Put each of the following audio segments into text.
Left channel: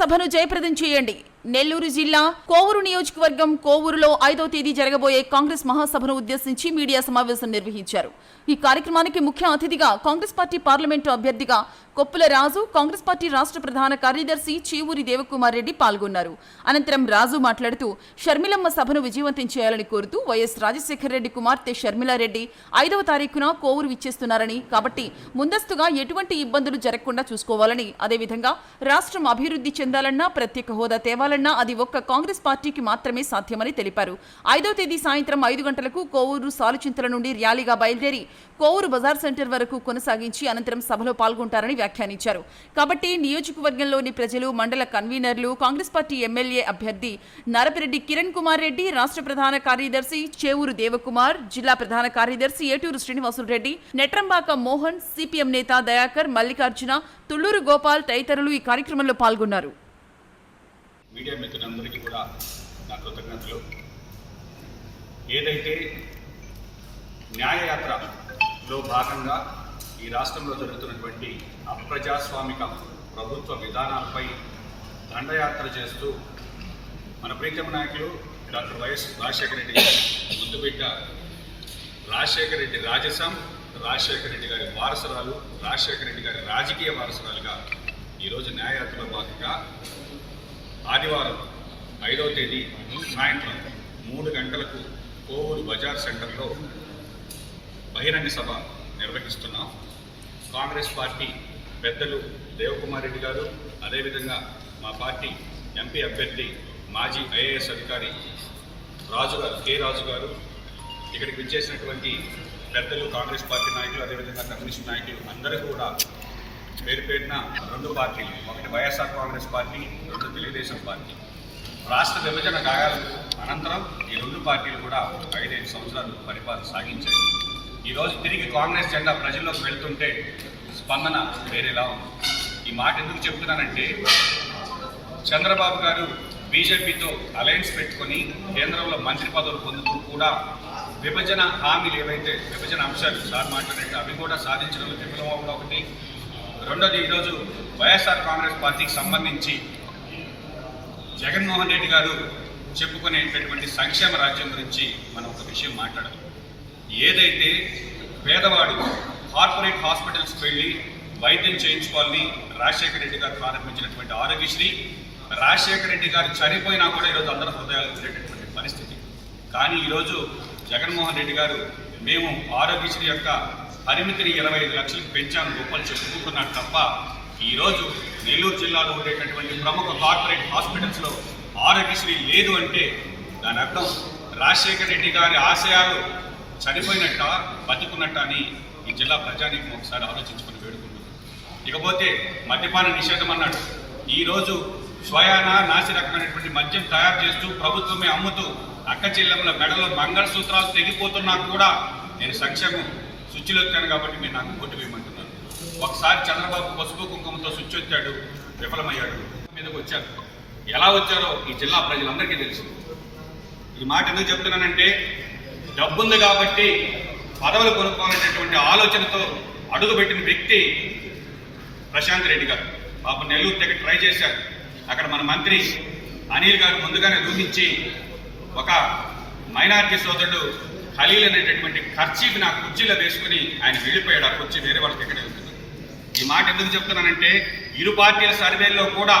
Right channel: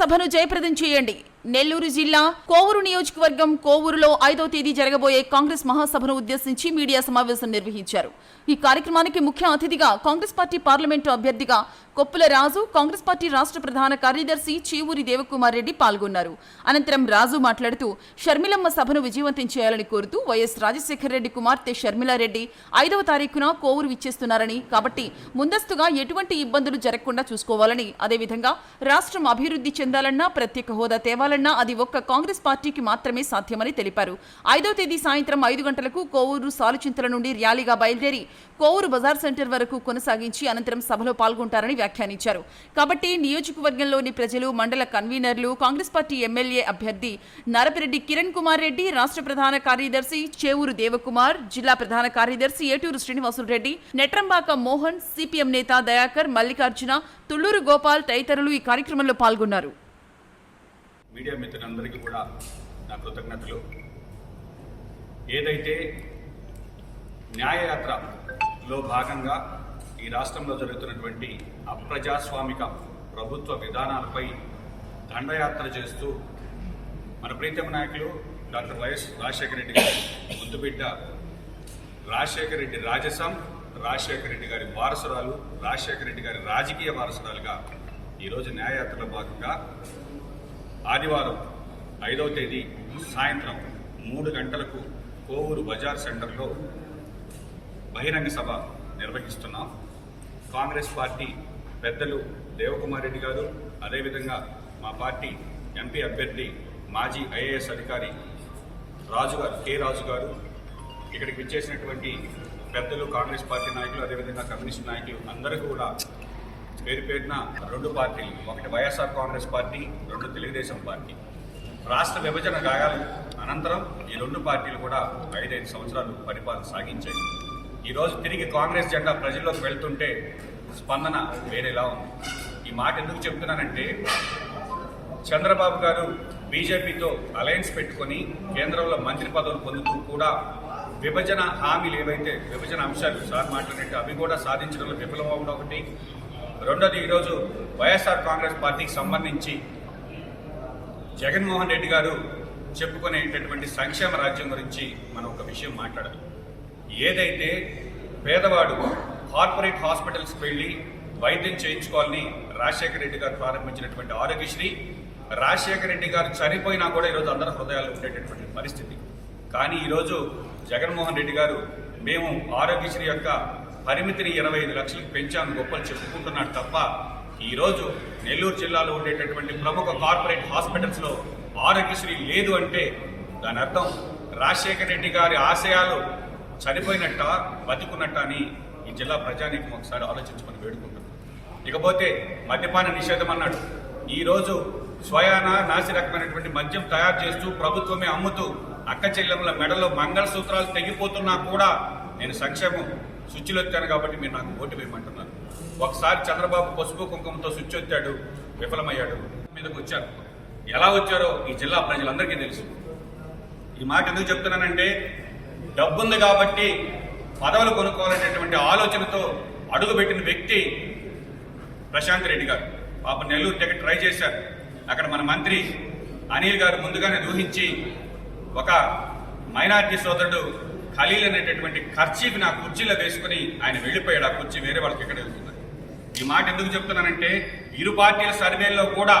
సభను జయప్రదం చేయండి. నెల్లూరు జిల్లా కోవూరు నియోజకవర్గం కోవూరులో ఐదో తేదీ జరగబోయే కాంగ్రెస్ మహాసభను ఉద్దేశించి మీడియా సమావేశం నిర్వహించారు. ఈ కార్యక్రమానికి ముఖ్య అతిథిగా కాంగ్రెస్ పార్టీ పార్లమెంటు అభ్యర్థిగా కొప్పుల రాజు కాంగ్రెస్ పార్టీ రాష్ట్ర ప్రధాన కార్యదర్శి చీవూరి దేవకుమార్ రెడ్డి పాల్గొన్నారు. అనంతరం రాజు మాట్లాడుతూ షర్మిలమ్మ సభను విజయవంతం చేయాలని కోరుతూ వైఎస్ రాజశేఖర రెడ్డి కుమార్తె షర్మిలారెడ్డి ఐదవ తారీఖున కోవూరు విచ్చేస్తున్నారని కాబట్టి ముందస్తుగా ఎటువంటి ఇబ్బందులు జరగకుండా చూసుకోవాలని అదేవిధంగా రాష్ట్రం అభివృద్ధి చెందాలన్నా ప్రత్యేక హోదా చేయాలన్నా అది ఒక్క కాంగ్రెస్ పార్టీకి మాత్రమే సాధ్యమని తెలిపారు. ఐదో తేదీ సాయంత్రం ఐదు గంటలకు కోవూరు సాలుచింతల నుండి ర్యాలీగా బయలుదేరి కోవూరు బజార్ సెంటర్ వరకు కొనసాగించి అనంతరం సభలో పాల్గొంటారని వ్యాఖ్యానించారు. కాబట్టి నియోజకవర్గంలోని ప్రజలు మండల కన్వీనర్లు కాంగ్రెస్ పార్టీ ఎమ్మెల్యే అభ్యర్థి నరపిరెడ్డి కిరణ్ కుమార్ రెడ్డి రాష్ట్ర ప్రధాన కార్యదర్శి చేవూరు దేవకుమార్ జిల్లా ప్రధాన కార్యదర్శి ఏటూరు శ్రీనివాసులు రెడ్డి నెట్రంబాక మోహన్ సిపిఎం నేత దయాకర్ మల్లికార్జున తుళ్ళూరు గోపాల్ తదితరులు ఈ కార్యక్రమంలో పాల్గొన్నారు. మీడియా మిత్రులందరికీ కూడా నా కృతజ్ఞతలు. ఏదైతే న్యాయయాత్రలో భాగంగా ఈ రాష్ట్రంలో జరుగుతున్నటువంటి అప్రజాస్వామిక ప్రభుత్వ విధానాలపై దండయాత్ర చేస్తూ మన ప్రీతమ నాయకులు డాక్టర్ వైఎస్ రాజశేఖర రెడ్డి గారి ముద్దుబిడ్డ రాజశేఖర రెడ్డి రాజసం రాజశేఖర రెడ్డి గారి వారసురాలు రాజశేఖర రెడ్డి గారి రాజకీయ వారసురాలుగా ఈరోజు న్యాయయాత్రలో భాగంగా ఆదివారం ఐదవ తేదీ సాయంత్రం మూడు గంటలకు కోవూరు బజార్ సెంటర్లో బహిరంగ సభ నిర్వహిస్తున్నాం. కాంగ్రెస్ పార్టీ పెద్దలు దేవకుమార్ రెడ్డి గారు అదేవిధంగా మా పార్టీ ఎంపీ అభ్యర్థి మాజీ ఐఏఎస్ అధికారి రాజు గారు కె రాజు గారు ఇక్కడికి విచ్చేసినటువంటి పెద్దలు కాంగ్రెస్ పార్టీ నాయకులు అదేవిధంగా కమ్యూనిస్ట్ నాయకులు అందరూ కూడా పేరు పేరున రెండు పార్టీలు ఒకటి వైఎస్ఆర్ కాంగ్రెస్ పార్టీ రెండు తెలుగుదేశం పార్టీ. రాష్ట్ర విభజన గాయాలు అనంతరం ఈ రెండు పార్టీలు కూడా ఐదైదు సంవత్సరాలు పరిపాలన సాగించాయి. ఈరోజు తిరిగి కాంగ్రెస్ జెండా ప్రజల్లోకి వెళ్తుంటే స్పందన వేరేలా ఉంది. ఈ మాట ఎందుకు చెప్తున్నానంటే చంద్రబాబు గారు బీజేపీతో అలయన్స్ పెట్టుకొని కేంద్రంలో మంత్రి పదవులు పొందుతూ కూడా విభజన హామీలు ఏవైతే విభజన అంశాలు సార్ మాట్లాడినట్టు అవి కూడా సాధించడంలో విఫలమవడం ఒకటి రెండోది ఈరోజు వైఎస్ఆర్ కాంగ్రెస్ పార్టీకి సంబంధించి జగన్మోహన్ రెడ్డి గారు చెప్పుకునేటటువంటి సంక్షేమ రాజ్యం గురించి మనం ఒక విషయం మాట్లాడాలి ఏదైతే పేదవాడు కార్పొరేట్ హాస్పిటల్స్కి వెళ్ళి వైద్యం చేయించుకోవాలని రాజశేఖర రెడ్డి గారు ప్రారంభించినటువంటి ఆరోగ్యశ్రీ రాజశేఖర రెడ్డి గారు చనిపోయినా కూడా ఈరోజు అందరి హృదయాలు ఉండేటటువంటి పరిస్థితి. కానీ ఈరోజు జగన్మోహన్ రెడ్డి గారు మేము ఆరోగ్యశ్రీ యొక్క పరిమితిని ఇరవై ఐదు లక్షలకు పెంచాను గొప్పలు చెప్పుకుంటున్నాడు తప్ప ఈరోజు నెల్లూరు జిల్లాలో ఉండేటటువంటి ప్రముఖ కార్పొరేట్ హాస్పిటల్స్లో ఆరోగ్యశ్రీ లేదు అంటే దాని అర్థం రాజశేఖర రెడ్డి గారి ఆశయాలు చనిపోయినట్ట బతికున్నట్ట అని ఈ జిల్లా ప్రజానీకం ఒకసారి ఆలోచించుకొని వేడుకుంటున్నాం. ఇకపోతే మద్యపాన నిషేధం అన్నాడు. ఈరోజు స్వయాన నాసి రకమైనటువంటి మద్యం తయారు చేస్తూ ప్రభుత్వమే అమ్ముతూ అక్క చెల్లెముల మెడలో మంగళసూత్రాలు తెగిపోతున్నా కూడా నేను సంక్షేమం శుచిలొత్తాను కాబట్టి నేను నాకు ఓటు వేయమంటున్నాను ఒకసారి చంద్రబాబు పసుపు కుంకుమతో స్విచ్ వచ్చాడు విఫలమయ్యాడు. మీదకి వచ్చారు ఎలా వచ్చారో ఈ జిల్లా ప్రజలందరికీ తెలుసు. ఈ మాట ఎందుకు చెప్తున్నానంటే డబ్బుంది కాబట్టి పదవులు కొనుక్కోవాలనేటువంటి ఆలోచనతో అడుగుపెట్టిన వ్యక్తి ప్రశాంత్ రెడ్డి గారు. పాప నెల్లూరు టికెట్ ట్రై చేశారు. అక్కడ మన మంత్రి అనిల్ గారు ముందుగానే దూహించి ఒక మైనార్టీ సోదరుడు ఖలీల్ అనేటటువంటి ఖర్చీకి నా కుర్చీలో వేసుకుని ఆయన వెళ్ళిపోయాడు. ఆ కుర్చీ వేరే వాళ్ళకి ఎక్కడ వెళ్తున్నారు ఈ మాట ఎందుకు చెప్తున్నానంటే ఇరు పార్టీల సర్వేల్లో కూడా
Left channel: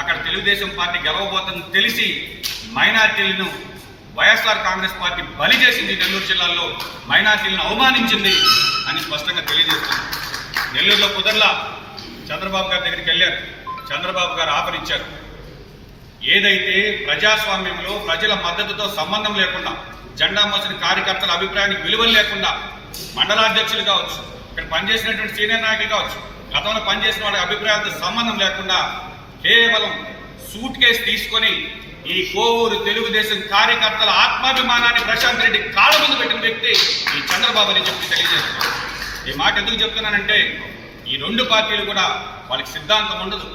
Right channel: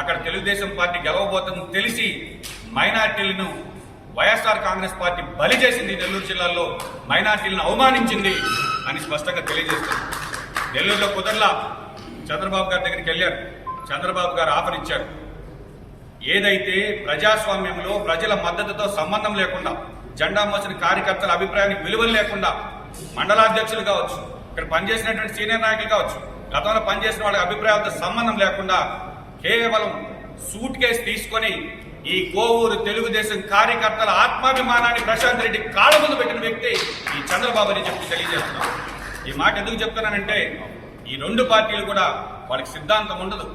అక్కడ తెలుగుదేశం పార్టీ గెలవబోతుందని తెలిసి మైనార్టీలను వైఎస్ఆర్ కాంగ్రెస్ పార్టీ బలి చేసింది నెల్లూరు జిల్లాలో. మైనార్టీలను అవమానించింది అని స్పష్టంగా తెలియజేస్తుంది నెల్లూరులో కుదర్లా చంద్రబాబు గారి దగ్గరికి వెళ్ళారు. చంద్రబాబు గారు ఆఫర్ ఇచ్చారు. ఏదైతే ప్రజాస్వామ్యంలో ప్రజల మద్దతుతో సంబంధం లేకుండా జెండా మోసిన కార్యకర్తల అభిప్రాయానికి విలువలు లేకుండా మండలాధ్యక్షులు కావచ్చు ఇక్కడ పనిచేసినటువంటి సీనియర్ నాయకులు కావచ్చు గతంలో పనిచేసిన వాళ్ళ అభిప్రాయాలతో సంబంధం లేకుండా కేవలం సూట్ కేసు తీసుకొని ఈ కోవూరు తెలుగుదేశం కార్యకర్తల ఆత్మాభిమానాన్ని ప్రశాంత్ రెడ్డి కాళ్ళ ముందు పెట్టిన వ్యక్తి ఈ చంద్రబాబు అని చెప్పి తెలియజేస్తున్నారు ఈ మాట ఎందుకు చెప్తున్నానంటే ఈ రెండు పార్టీలు కూడా వాళ్ళకి సిద్ధాంతం ఉండదు.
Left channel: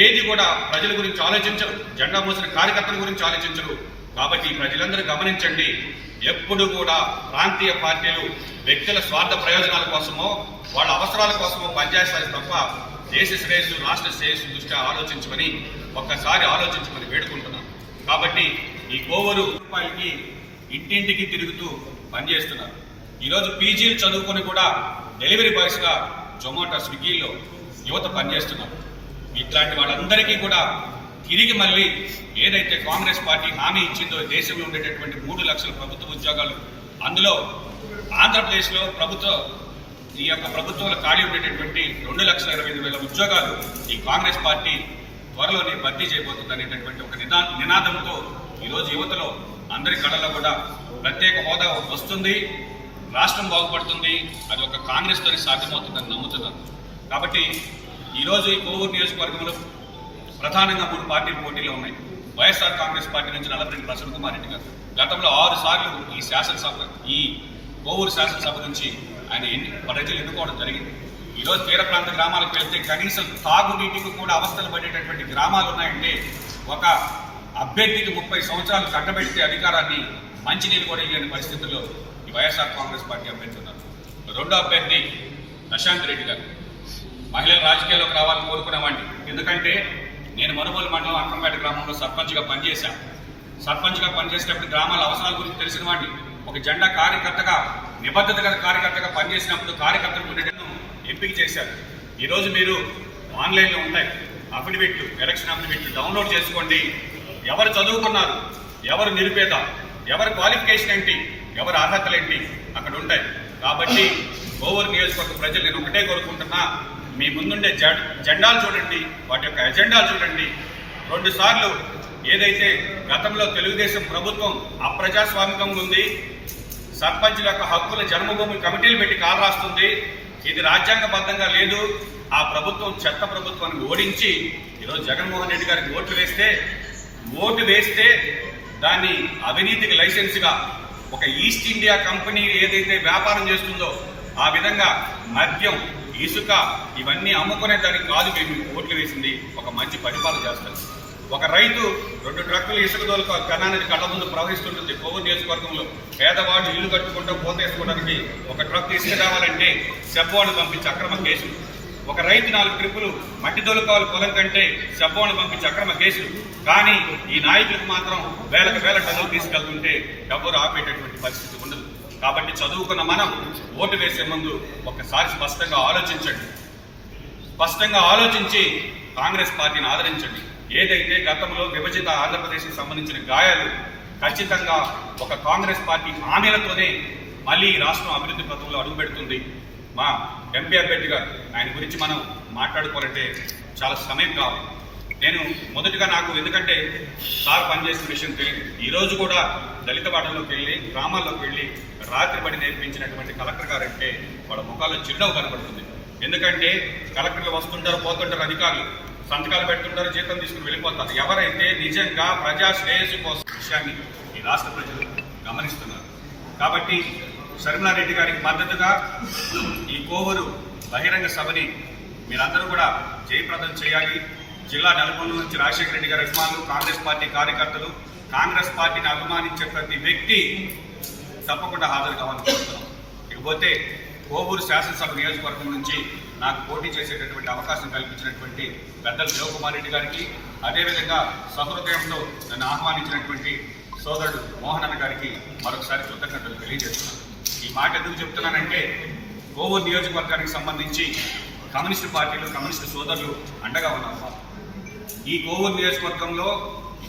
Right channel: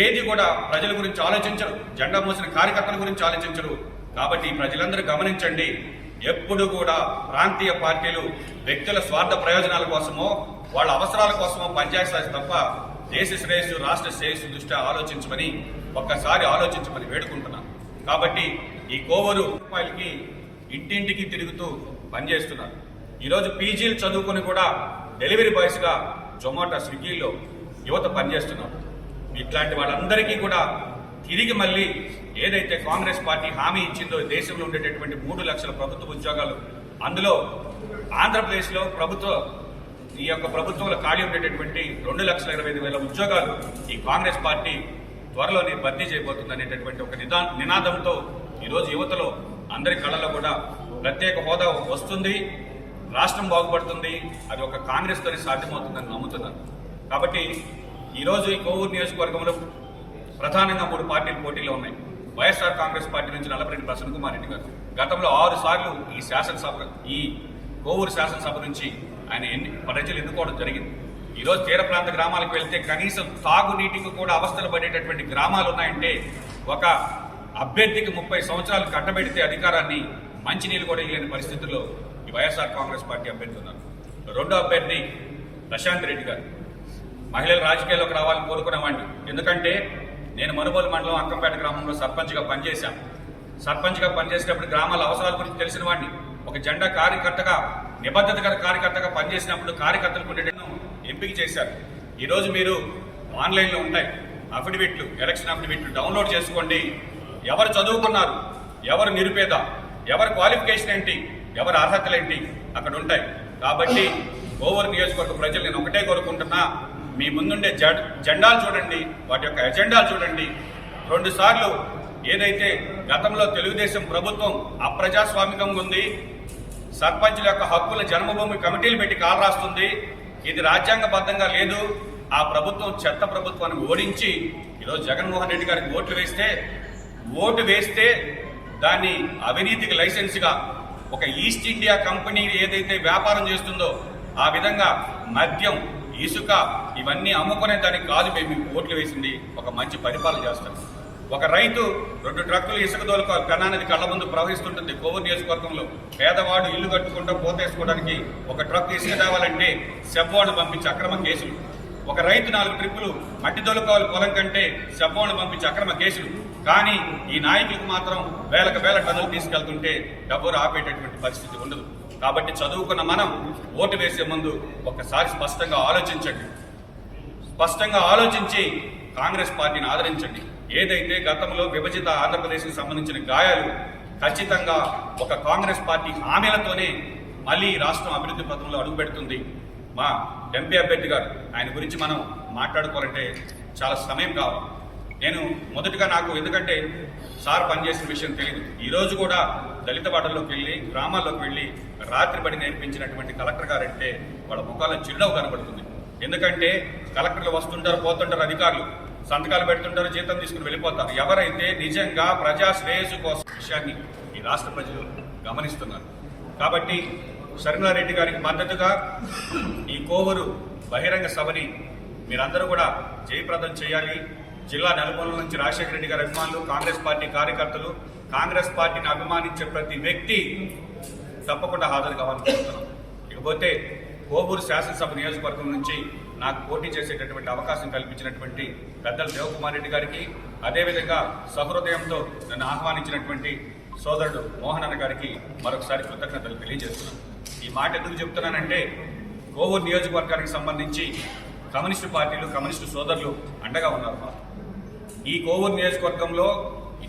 ఏది కూడా ప్రజల గురించి ఆలోచించరు జెండా మోసిన కార్యకర్తల గురించి ఆలోచించరు కాబట్టి ప్రజలందరూ గమనించండి. ఎప్పుడు కూడా ప్రాంతీయ పార్టీలు వ్యక్తుల స్వార్థ ప్రయోజనాల కోసమో వాళ్ళ అవసరాల కోసమో పనిచేస్తారు తప్ప దేశ శ్రేయస్సు రాష్ట్ర శ్రేయస్సు దృష్ట్యా ఆలోచించమని ఒక్కసారి ఆలోచించమని వేడుకుంటున్నాం. కాబట్టి ఈ కోవూరు రూపాయలకి ఇంటింటికి తిరుగుతూ పనిచేస్తున్నారు. ఈరోజు పీజీలు చదువుకొని కూడా డెలివరీ బాయ్స్గా జొమాటో స్విగ్గీలో యువత పనిచేస్తున్నారు. ఇట్లాంటి వాళ్ళందరికీ కూడా తిరిగి మళ్ళీ ఏదైతే కాంగ్రెస్ పార్టీ హామీ ఇచ్చిందో దేశంలో ఉండేటటువంటి మూడు లక్షల ప్రభుత్వ ఉద్యోగాలు అందులో ఆంధ్రప్రదేశ్లో ప్రభుత్వ ఈ యొక్క ప్రభుత్వంలో ఖాళీ ఉండేటటువంటి రెండు లక్షల ఇరవై ఐదు వేల ఉద్యోగాలు ఈ కాంగ్రెస్ పార్టీ త్వరలోనే భర్తీ చేయబోతుంది అనేటటువంటి ఒక నిదా నినాదంతో ఈరోజు యువతలో అందరి కళలో కూడా ప్రత్యేక హోదా వస్తుంది. రాష్ట్రం బాగుపడుతుంది. అది ఒక కాంగ్రెస్ తోనే సాధ్యమవుతుందని నమ్ముతున్నాను. కాబట్టి ఈరోజు ఈ కోవూరు నియోజకవర్గంలో ప్రధానంగా మూడు పార్టీలు పోటీలో ఉన్నాయి. వైఎస్ఆర్ కాంగ్రెస్ పార్టీ నుంచి నల్లపరెడ్డి ప్రసన్న కుమార్ రెడ్డి గారు. గతంలో ఆరు సార్లు ఈ శాసనసభ ఈ కోవూరు శాసనసభ నుంచి ఆయన ఎన్ని ప్రజలు ఎన్నుకోవడం జరిగింది. ఈరోజు తీర ప్రాంత గ్రామాలకు వెళ్తే కనీసం తాగునీటికి కూడా అవస్థలు పడేటటువంటి గ్రామాలు ఉన్నాయంటే ఒక అభ్యర్థికి ముప్పై సంవత్సరాలు కట్టబెడితే అధికారాన్ని మంచినీళ్ళు కూడా ఇవ్వని పరిస్థితుల్లో ఈ వైఎస్ఆర్ కాంగ్రెస్ పార్టీ అభ్యర్థి ఉన్నారు. రెండో అభ్యర్థి ప్రశాంత్ రెడ్డి గారు. మహిళలు రాజకీయాల్లోకి రావాలని కోరుకునేవాడిని. ఎందుకంటే నేను మనుబోలు మండలం అక్కంపేట గ్రామంలో సర్పంచ్గా పనిచేశాను. సర్పంచ్గా పనిచేసేటప్పుడు గ్రామాల అవసరాల గురించి తెలిసిన వాడిని. ఒక జెండా కార్యకర్తగా నిబద్ధత గల కార్యకర్తగా పనిచేసినప్పుడు కార్యకర్తలు ఉండేటను ఎంపిక చేశారు. ఈరోజు మీరు ఆన్లైన్లో ఉంటాయి. అఫిడవిట్లు ఎలక్షన్ అఫిడవిట్లు డౌన్లోడ్ చేసుకోండి. ఎవరు చదువుకున్నారు? ఎవరు నిరుపేద? ఎవరి క్వాలిఫికేషన్ ఏంటి? ఎవరి అర్హతలు ఏంటి? అక్కడ ఉంటాయి. కాబట్టి ఓవర్ నియోజకవర్గ ప్రజలు నేను ఒకటే కోరుకుంటున్నా మీ ముందుండే జెండాలు చూడండి వాటి యొక్క ఎజెండాలు చూడండి. రెండుసార్లు ఏదైతే గతంలో తెలుగుదేశం ప్రభుత్వం అప్రజాస్వామికంగా ఉంది సర్పంచుల యొక్క హక్కుల జన్మభూమి కమిటీలు పెట్టి కాలు రాస్తుంది ఇది రాజ్యాంగబద్ధంగా లేదు. ఆ ప్రభుత్వం చెత్త ప్రభుత్వాన్ని ఓడించి ఈరోజు జగన్మోహన్ రెడ్డి గారికి ఓట్లు వేస్తే ఓటు వేస్తే దాన్ని అవినీతికి లైసెన్స్గా ఒక ఈస్ట్ ఇండియా కంపెనీ ఏదైతే వ్యాపారం చేస్తుందో ఆ విధంగా మద్యం ఇసుక ఇవన్నీ అమ్ముకునే దానికి కాదు మేము ఓట్లు వేసింది. ఒక మంచి పరిపాలన చేస్తాం. ఒక రైతు రెండు ట్రక్కులు ఇసుక దోలుకు కణానికి కళ్ళ ముందు ప్రవహిస్తుంటుంది కోవూరు నియోజకవర్గంలో. పేదవాడు ఇల్లు కట్టుకుంటూ పోతేసుకోవడానికి ఒక ట్రక్ ఇసుక కావాలంటే సెబ్బోని పంపించి అక్రమ కేసులు ఒక రైతు నాలుగు ట్రిప్పులు మట్టి దొలుకోవాలి పొలం కంటే సెబ్బోని పంపించి అక్రమ కేసులు కానీ ఈ నాయకులకు మాత్రం వేలకు వేల టన్నులు తీసుకెళ్తుంటే డబ్బులు ఆపేటటువంటి పరిస్థితి ఉండదు. కాబట్టి చదువుకున్న మనం ఓటు వేసే ముందు ఒకసారి స్పష్టంగా ఆలోచించండి. స్పష్టంగా ఆలోచించి కాంగ్రెస్ పార్టీని ఆదరించండి. ఏదైతే గతంలో విభజిత ఆంధ్రప్రదేశ్కి సంబంధించిన గాయాలు ఖచ్చితంగా ఒక కాంగ్రెస్ పార్టీ హామీలతోనే మళ్ళీ ఈ రాష్ట్రం అభివృద్ధి పథంలో అడుగుపెడుతుంది మా ఎంపీ అభ్యర్థి గారు ఆయన గురించి మనం మాట్లాడుకోవాలంటే చాలా సమయం కావాలి. నేను మొదటగా నాకు ఎందుకంటే సార్ పనిచేసిన విషయం తెలియదు. ఈరోజు కూడా దళిత వాడల్లోకి వెళ్ళి గ్రామాల్లోకి వెళ్ళి రాత్రి పడి నేర్పించినటువంటి కలెక్టర్ గారంటే వాళ్ళ ముఖాల్లో చిరునవ్వు కనబడుతుంది. ఎందుకంటే కలెక్టర్లు వస్తుంటారు పోతుంటారు అధికారులు. సంతకాలు పెడుతుంటారు జీతం తీసుకుని వెళ్ళిపోతారు. ఎవరైతే నిజంగా ప్రజా శ్రేయస్సు కోసం విషయాన్ని ఈ రాష్ట్ర ప్రజలు గమనిస్తున్నారు. కాబట్టి శర్మిలారెడ్డి గారికి మద్దతుగా ఈ కోవూరు బహిరంగ సభని మీరందరూ కూడా జయప్రదం చేయాలి. జిల్లా నలుమూల నుంచి రాజశేఖర రెడ్డి గారి అభిమానులు కాంగ్రెస్ పార్టీ కార్యకర్తలు కాంగ్రెస్ పార్టీని అభిమానించే ప్రతి వ్యక్తి తప్పకుండా హాజరు కావాలని కోరుతున్నాం. ఇకపోతే కోవూరు శాసనసభ నియోజకవర్గం నుంచి నాకు పోటీ చేసేటటువంటి అవకాశం కల్పించినటువంటి పెద్దలు దేవకుమార్ రెడ్డి గారికి అదేవిధంగా సహృదయంతో నన్ను ఆహ్వానించినటువంటి సోదరుడు మోహన్ అన్న గారికి మరొకసారి కృతజ్ఞతలు తెలియజేస్తున్నాను. ఈ మాట ఎందుకు చెప్తున్నానంటే కోవూరు నియోజకవర్గానికి సంబంధించి కమ్యూనిస్టు పార్టీలు కమ్యూనిస్టు సోదరులు అండగా ఉన్నారు ఈ కోవూరు నియోజకవర్గంలో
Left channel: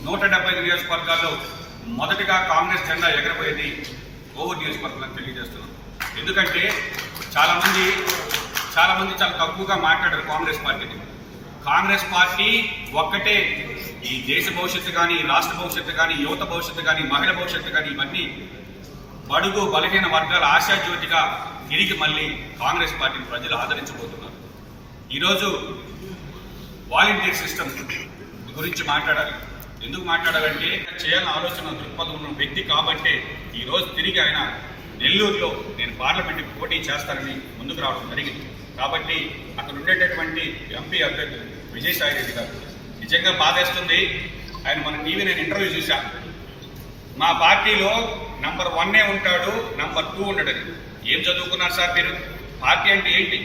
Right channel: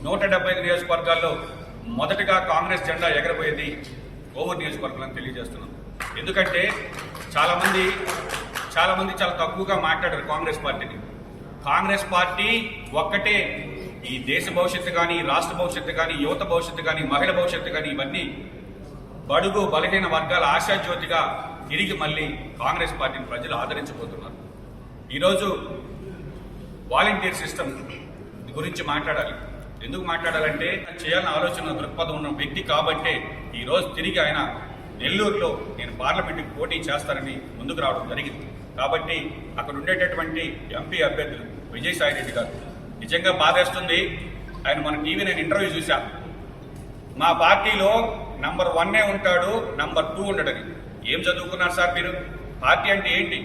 నూట డెబ్బై నియోజకవర్గాల్లో మొదటగా కాంగ్రెస్ జెండా ఎగరబోయేది కోవూరు నియోజకవర్గం అని తెలియజేస్తున్నాను. ఎందుకంటే చాలామంది చాలామంది చాలా తక్కువగా మాట్లాడారు కాంగ్రెస్ పార్టీని. కాంగ్రెస్ పార్టీ ఒక్కటే. ఈ దేశ భవిష్యత్తు కానీ రాష్ట్ర భవిష్యత్తు కానీ యువత భవిష్యత్తు కానీ మహిళ భవిష్యత్తు కానీ ఇవన్నీ బడుగు బలహీన వర్గాల ఆశాజ్యోతిగా తిరిగి మళ్ళీ కాంగ్రెస్ పార్టీని ప్రజలు ఆదరించబోతున్నారు. ఈరోజు వాలంటీర్ సిస్టమ్ గురించి మాట్లాడాలి. ఎందుకు మాట్లాడాలంటే చేయాలని ఆలోచన దృక్పథం ఉన్న వ్యక్తి కాబట్టే ఈరోజు తిరిగి ఆయన నెల్లూరులో నేను పార్లమెంట్కి పోటీ చేస్తానని ముందుకు రావడం జరిగింది. కాబట్టి అక్కడ ఉండేటటువంటి ఎంపీ అభ్యర్థులు విజయసాయి రెడ్డి గారు నిజంగా బాధేస్తుంది. ఆయన మన టీవీ నేను ఇంటర్వ్యూ చూశాను మా పార్టీలో నంబర్ వన్నే ఉంటాడు నంబర్ టూ ఉండడని. ఏం చదువుకున్నారు సార్ మీరు? పార్టీ అంటే ఏంటి?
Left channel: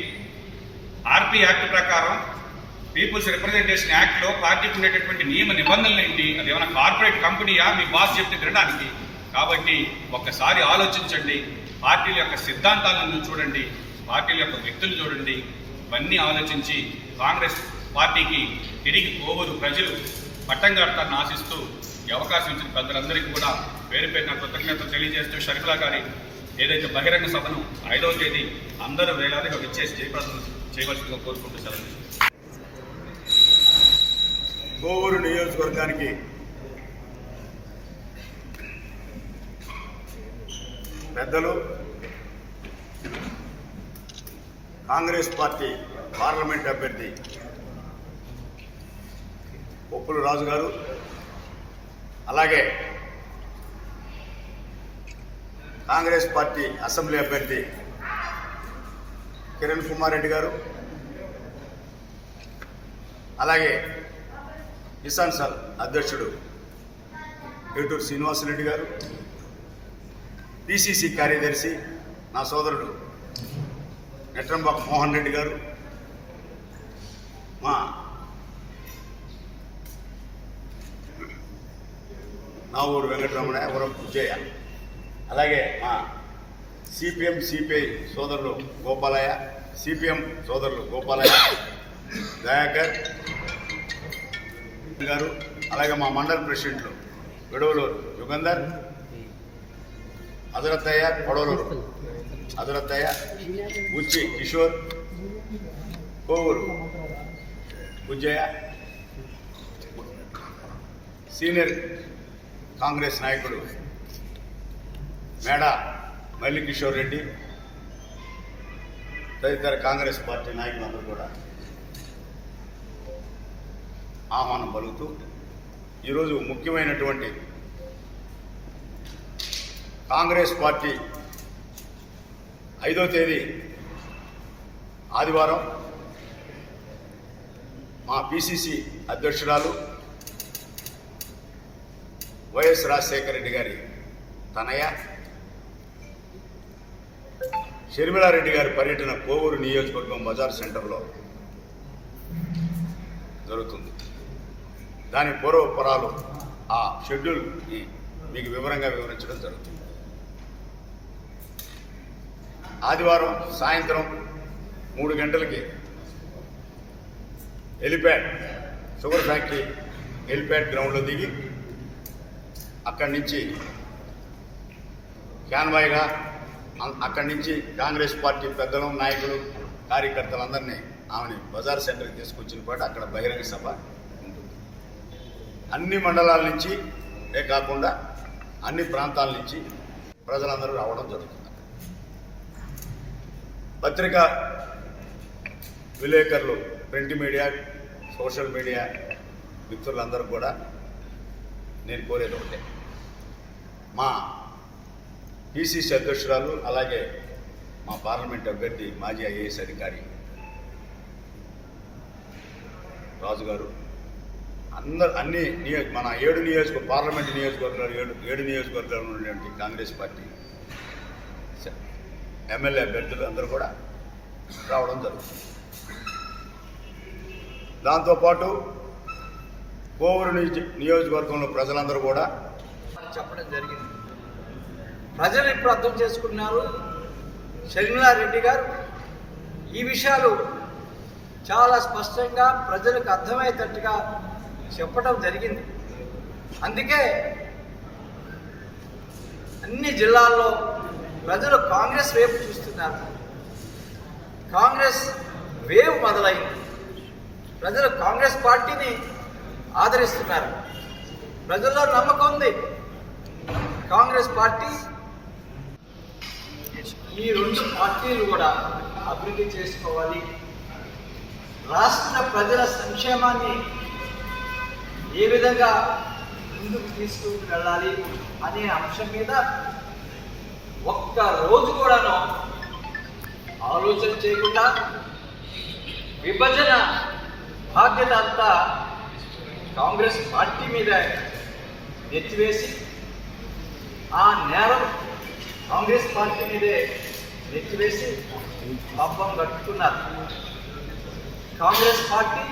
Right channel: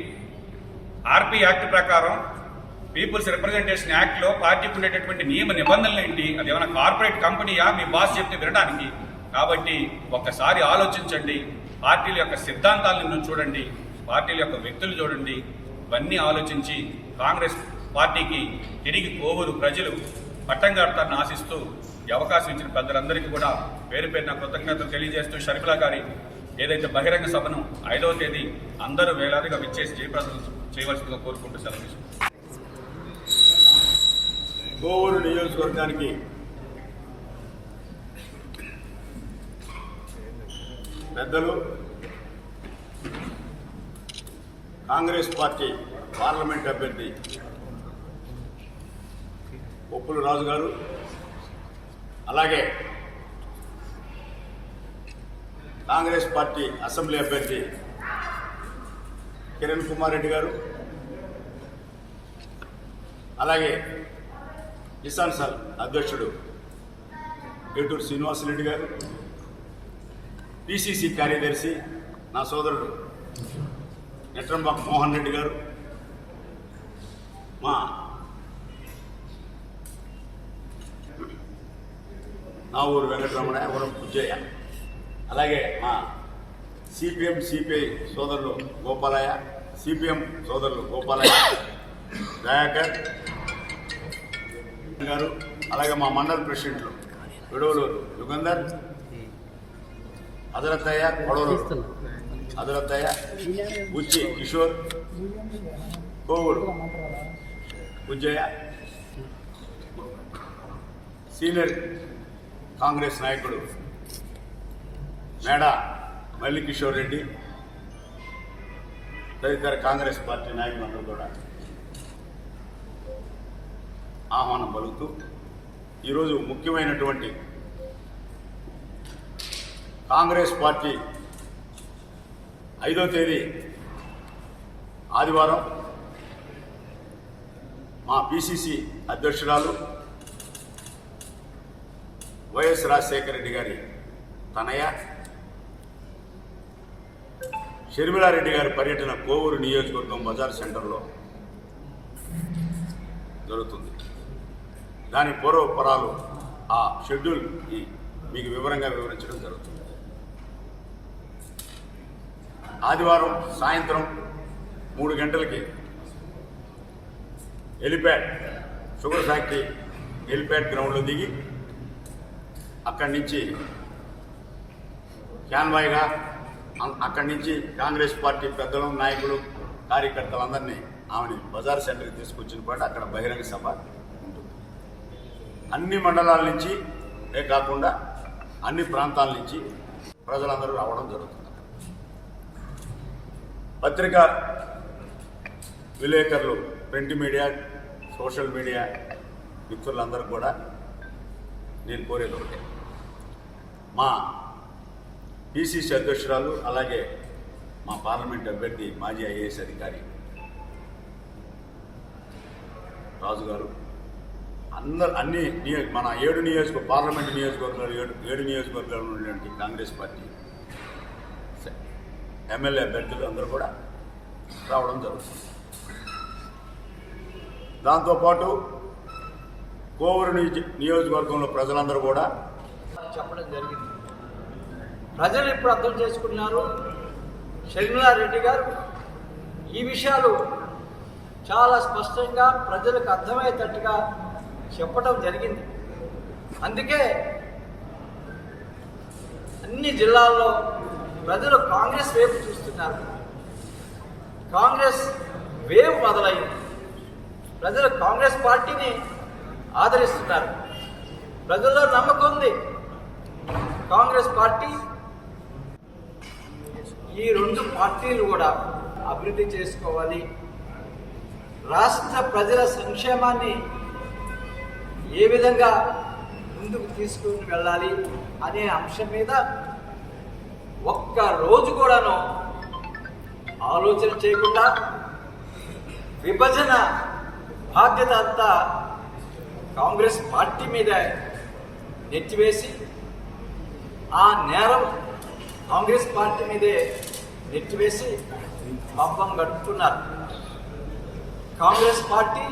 ఆర్పీ యాక్ట్ ప్రకారం పీపుల్స్ రిప్రజెంటేషన్ యాక్ట్లో పార్టీకి ఉండేటటువంటి నియమ నిబంధనలు ఏంటి? అది ఏమైనా కార్పొరేట్ కంపెనీయా? మీ బాస్ చెప్తే వినడానికి కాబట్టి ఒక్కసారి ఆలోచించండి. పార్టీల యొక్క సిద్ధాంతాలను చూడండి. పార్టీల యొక్క వ్యక్తులు చూడండి. ఇవన్నీ ఆలోచించి కాంగ్రెస్ పార్టీకి తిరిగి కోవూరు ప్రజలు. పట్టం కడతారని ఆశిస్తూ ఈ అవకాశం ఇచ్చిన పెద్దలందరికీ కూడా పేరు పేరున కృతజ్ఞతలు తెలియజేస్తూ షర్మిలా గారి ఏదైతే బహిరంగ సభను ఐదవ తేదీ అందరూ వేలాదిగా విచ్చేసి జయప్రదం చేయవలసిందిగా కోరుకుంటూ సెలవు కోవూరు నియోజకవర్గానికి పెద్దలు కాంగ్రెస్ పార్టీ పార్లమెంట్ అభ్యర్థి ఒప్పులు రాజు గారు అలాగే కాంగ్రెస్ పార్టీ అసెంబ్లీ అభ్యర్థి కిరణ్ కుమార్ రెడ్డి గారు అలాగే కిసాన్ సాల్ అధ్యక్షుడు ఏటూరు శ్రీనివాసరెడ్డి గారు పిసిసి కార్యదర్శి నా సోదరుడు నెట్రంబాక్ మోహన్ రెడ్డి గారు మా నా ఊరు వెంకటరమణ ఎవరం పుజ్జయ్య అలాగే మా సిపిఎం సిపిఐ సోదరులు గోపాలయ్య సిపిఎం సోదరులు గోపాలయ్య దయాకర్ గారు అలాగే మా మండల ప్రెసిడెంట్లు విడవలూరు యుగంధర్ అదురత్తయ్య కొడవలూరు అదురత్తయ్య బుచ్చి కిషోర్ కోవూరు బుజ్జయ్య సీనియర్ కాంగ్రెస్ నాయకుడు మేడ మల్లికిషోర్ రెడ్డి తదితర కాంగ్రెస్ పార్టీ నాయకులందరూ కూడా ఆహ్వానం పలుకుతూ ఈరోజు ముఖ్యమైనటువంటి కాంగ్రెస్ పార్టీ ఐదో తేదీ ఆదివారం మా పిసిసి అధ్యక్షురాలు వైఎస్ రాజశేఖర రెడ్డి గారి తనయ షర్మిలారెడ్డి గారి పర్యటన కోవూరు నియోజకవర్గం బజార్ సెంటర్లో జరుగుతుంది. దాని పూర్వపరాలు ఆ షెడ్యూల్ మీకు వివరంగా వివరించడం జరుగుతుంది. ఆదివారం సాయంత్రం మూడు గంటలకి హెలిప్యాడ్ షుగర్ ఫ్యాక్టరీ హెలిప్యాడ్ గ్రౌండ్లో దిగి అక్కడి నుంచి క్యాన్వాయ్గా అక్కడి నుంచి కాంగ్రెస్ పార్టీ పెద్దలు నాయకులు కార్యకర్తలందరినీ ఆమెని బజార్ సెంటర్కి తీసుకొచ్చిన పాటు అక్కడ బహిరంగ సభ ఉంటుంది. అన్ని మండలాల నుంచి కాకుండా అన్ని ప్రాంతాల నుంచి ప్రజలందరూ రావడం జరుగుతుంది. పత్రిక విలేకరులు ప్రింట్ మీడియా సోషల్ మీడియా మిత్రులందరూ కూడా నేను కోరేది ఒకటే. మా పిసిసి అధ్యక్షురాలు అలాగే మా పార్లమెంట్ అభ్యర్థి మాజీ ఐఏఎస్ అధికారి రాజుగారు అందరు అన్ని నియోజక మన ఏడు నియోజక పార్లమెంట్ నియోజకవర్గాలు ఏడు ఏడు నియోజకవర్గాలు ఉన్నటువంటి కాంగ్రెస్ పార్టీ ఎమ్మెల్యే అభ్యర్థులు అందరూ కూడా రావడం జరుగుతుంది. దాంతోపాటు కోవూరు నియోజ- నియోజకవర్గంలో ప్రజలందరూ కూడా చెప్పడం జరిగింది. ప్రజలు ఇప్పుడు అర్థం చేసుకున్నారు షర్మిలారెడ్డి గారు ఈ విషయాలు చాలా స్పష్టంగా ప్రజలకు అర్థమయ్యేటట్టుగా చెప్పడం జరిగింది. అందుకే అన్ని జిల్లాల్లో ప్రజలు కాంగ్రెస్ వైపు చూస్తున్నారు. కాంగ్రెస్ వేవ్ మొదలైంది. ప్రజలు కాంగ్రెస్ పార్టీని ఆదరిస్తున్నారు. ప్రజల్లో నమ్మకం ఉంది. కాంగ్రెస్ పార్టీ ఈ రెండు పార్టీలు కూడా అభివృద్ధి చేసుకోవాలి. రాష్ట్ర ప్రజల సంక్షేమాన్ని ఏ విధంగా ముందుకు తీసుకుని వెళ్ళాలి అనే అంశం మీద ఒక్క రోజు కూడాను ఆలోచన చేయకుండా విభజన బాధ్యత అంతా కాంగ్రెస్ పార్టీ మీద నెత్తివేసి ఆ నేరం కాంగ్రెస్ పార్టీ మీదే నెత్తివేసి పబ్బం కట్టుకున్నారు. కాంగ్రెస్ పార్టీ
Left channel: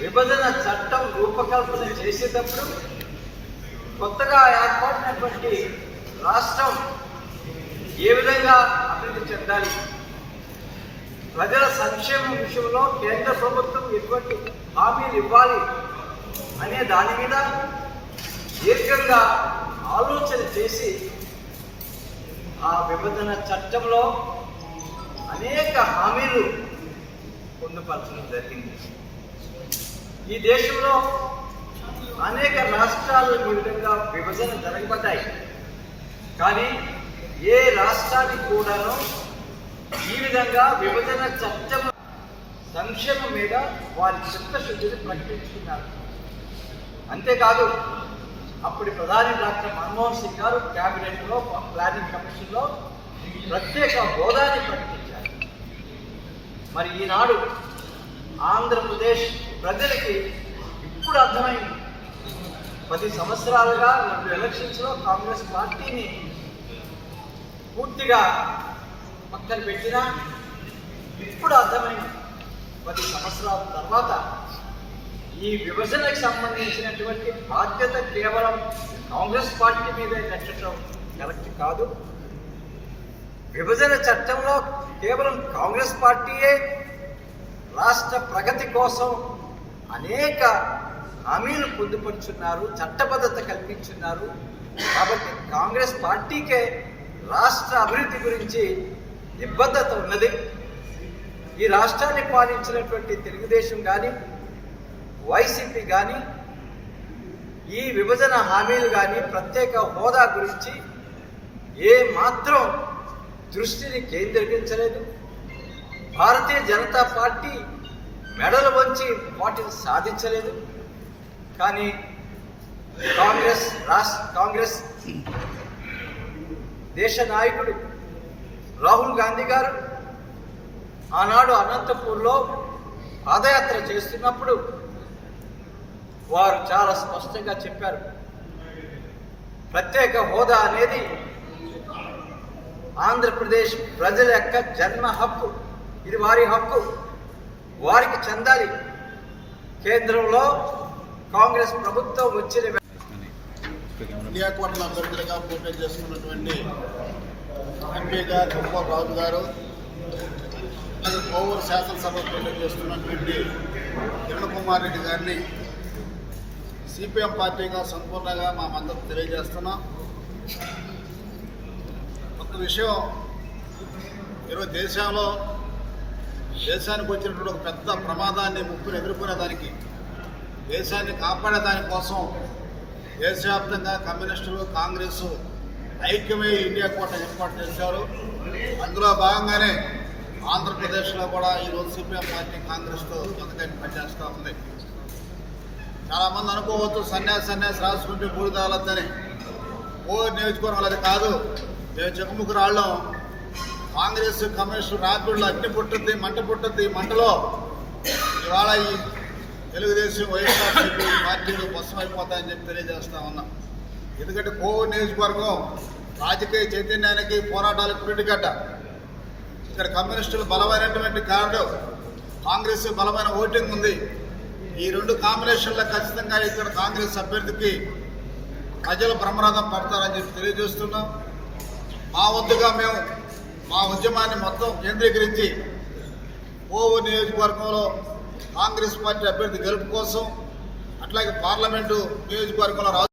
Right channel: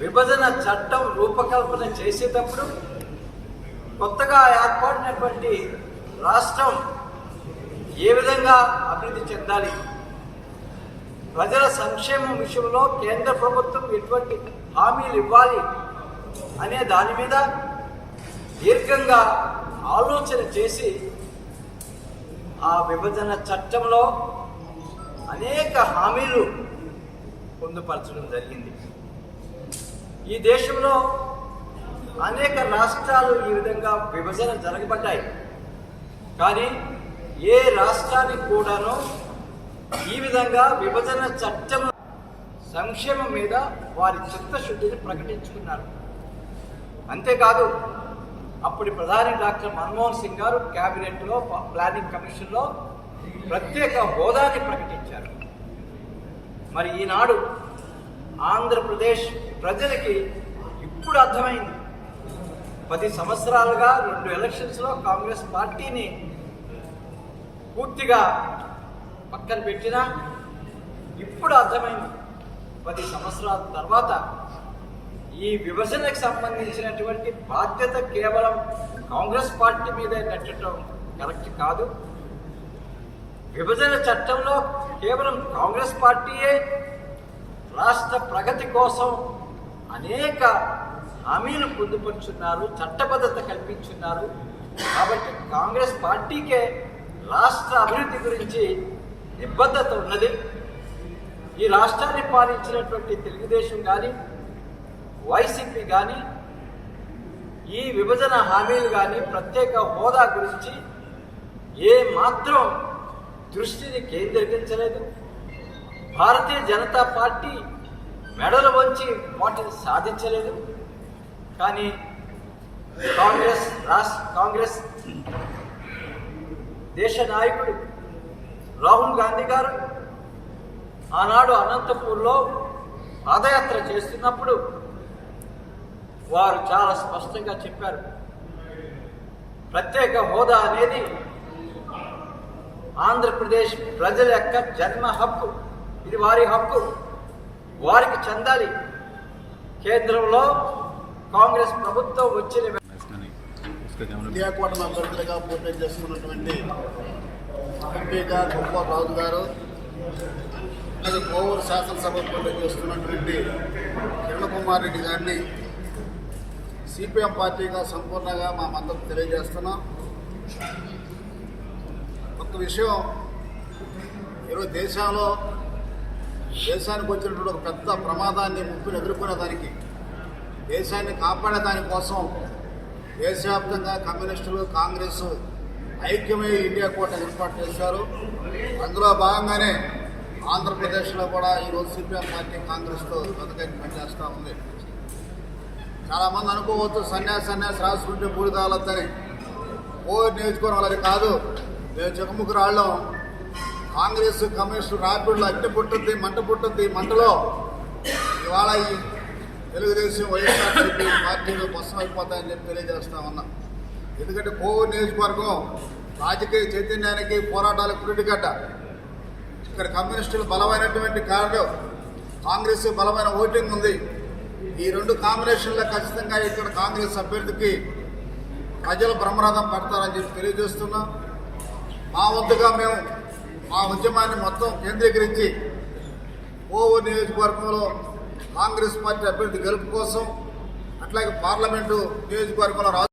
విభజన చట్టం రూపకల్పన చేసేటప్పుడు కొత్తగా ఏర్పడినటువంటి రాష్ట్రం ఏ విధంగా అభివృద్ధి చెందాలి? ప్రజల సంక్షేమం విషయంలో కేంద్ర ప్రభుత్వం ఎటువంటి హామీలు ఇవ్వాలి అనే దాని మీద దీర్ఘంగా ఆలోచన చేసి ఆ విభజన చట్టంలో అనేక హామీలు పొందుపరచడం జరిగింది. ఈ దేశంలో అనేక రాష్ట్రాలు ఈ విధంగా విభజన జరగబడ్డాయి. కానీ ఏ రాష్ట్రానికి కూడాను ఈ విధంగా విభజన చట్టం సంక్షేమం మీద వారి చిత్తశుద్ధిని ప్రకటించుకున్నారు. అంతేకాదు అప్పటి ప్రధాని డాక్టర్ మన్మోహన్ సింగ్ గారు క్యాబినెట్లో ప్లానింగ్ కమిషన్లో ప్రత్యేక హోదాని ప్రకటించారు. మరి ఈనాడు ఆంధ్రప్రదేశ్ ప్రజలకి ఇప్పుడు అర్థమైంది. పది సంవత్సరాలుగా రెండు ఎలక్షన్స్లో కాంగ్రెస్ పార్టీని పూర్తిగా పక్కన పెట్టినా ఇప్పుడు అర్థమైంది. పది సంవత్సరాల తర్వాత ఈ విభజనకు సంబంధించినటువంటి బాధ్యత కేవలం కాంగ్రెస్ పార్టీ మీదే కట్టడం కరెక్ట్ కాదు. విభజన చట్టంలో కేవలం కాంగ్రెస్ పార్టీయే రాష్ట్ర ప్రగతి కోసం అనేక హామీలు పొందుపరుచున్నారు చట్టబద్ధత కల్పించున్నారు. కాబట్టి కాంగ్రెస్ పార్టీకే రాష్ట్ర అభివృద్ధి గురించి నిబద్ధత ఉన్నది. ఈ రాష్ట్రాన్ని పాలించినటువంటి తెలుగుదేశం కానీ వైసీపీ కానీ ఈ విభజన హామీలు కానీ ప్రత్యేక హోదా గురించి ఏ మాత్రం దృష్టిని కేంద్రీకరించలేదు. భారతీయ జనతా పార్టీ మెడలు వంచి వాటిని సాధించలేదు. కానీ కాంగ్రెస్ రాష్ట్ర కాంగ్రెస్ దేశ నాయకుడు రాహుల్ గాంధీ గారు ఆనాడు అనంతపూర్లో పాదయాత్ర చేస్తున్నప్పుడు వారు చాలా స్పష్టంగా చెప్పారు. ప్రత్యేక హోదా అనేది ఆంధ్రప్రదేశ్ ప్రజల యొక్క జన్మ హక్కు. ఇది వారి హక్కు. వారికి చెందాలి. కేంద్రంలో కాంగ్రెస్ ప్రభుత్వం వచ్చిన ఇండియా కూటమి అభ్యర్థులుగా పోటీ చేసుకున్నటువంటి ఎంపీగా గోపాల్ రాజు గారు అలాగే కోవూరు శాసనసభ పోటీ చేస్తున్నటువంటి కిరణ్ కుమార్ రెడ్డి గారిని సిపిఎం పార్టీగా సంపూర్ణంగా మా మద్దతు తెలియజేస్తున్నాం. ఒక విషయం ఈరోజు దేశంలో దేశానికి వచ్చినటువంటి ఒక పెద్ద ప్రమాదాన్ని ముప్పును ఎదుర్కొనేదానికి దేశాన్ని కాపాడే దానికోసం దేశవ్యాప్తంగా కమ్యూనిస్టులు కాంగ్రెస్ ఐక్యమై ఇండియా కోట ఏర్పాటు చేశారు. అందులో భాగంగానే ఆంధ్రప్రదేశ్లో కూడా ఈరోజు సిపిఎం పార్టీ కాంగ్రెస్తో బతకని పనిచేస్తూ ఉంది. చాలామంది అనుకోవచ్చు సన్యాసి సన్యాసి రాసుకుంటే బూడిదాలద్దని ఓ నియోజకవర్గం అది కాదు. మేము చెక్కముక్కు రాళ్ళం. కాంగ్రెస్ కమ్యూనిస్టు రాపిడ్లో అగ్ని పుట్టుద్ది మంట పుట్టుద్ది మంటలో. ఇవాళ ఈ తెలుగుదేశం వైఎస్ఆర్సీపీ పార్టీలు భస్మం అయిపోతాయని చెప్పి తెలియజేస్తా ఉన్నాం. ఎందుకంటే కోవూరు నియోజకవర్గం రాజకీయ చైతన్యానికి పోరాటాలకు పురిటిగడ్డ ఇక్కడ కమ్యూనిస్టులు బలమైనటువంటి కార్డు కాంగ్రెస్ బలమైన ఓటింగ్ ఉంది. ఈ రెండు కాంబినేషన్లో ఖచ్చితంగా ఇక్కడ కాంగ్రెస్ అభ్యర్థికి ప్రజలు బ్రహ్మరథం పడతారని చెప్పి తెలియజేస్తున్నాం. మా వద్దగా మేము మా ఉద్యమాన్ని మొత్తం కేంద్రీకరించి కోవూరు నియోజకవర్గంలో కాంగ్రెస్ పార్టీ అభ్యర్థి గెలుపు కోసం అట్లాగే పార్లమెంటు నియోజకవర్గంలో రా-